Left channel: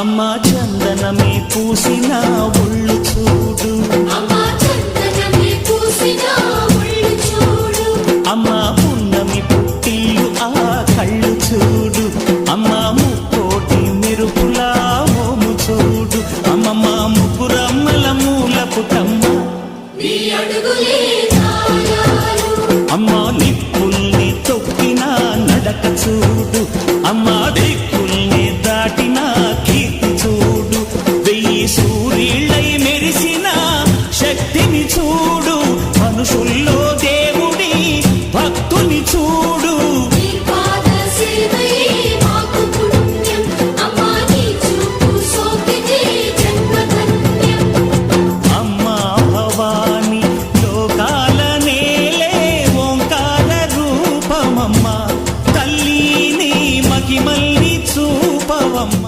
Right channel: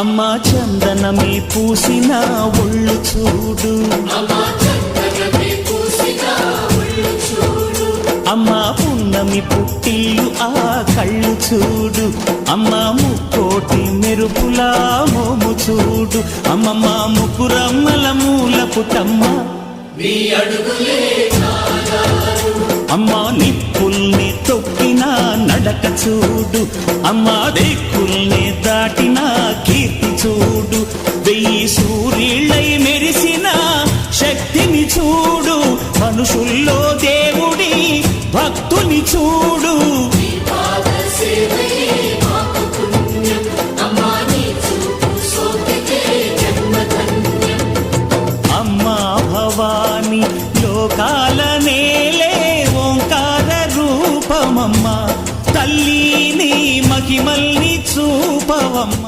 అమ్మా చందనమే పూసిన ఒళ్ళు చూడు, అమ్మా పున్నమి పుట్టిల్లు ఆ కళ్ళు చూడు, అమ్మా ముక్కోటి మెరుపులా మోము చూడు, అమ్మమ్మ ముగ్గురమ్మల మూల పుటమ్మ అమ్మా నిప్పుల్ని తొక్కిన నడక చూడు, అమ్మా దిక్కుల్ని దాటిన కీర్తి చూడు, 1000 సూర్యుళ్ళై మెరిసిన శక్తిని చూడు, మనుషుల్లో దేవుడి భక్తుని చూడు. అమ్మా భవాని లోకాల నేలే ఓంకార రూపమమ్మ, తల్లిని మహిమల్ని చూపవమ్మ.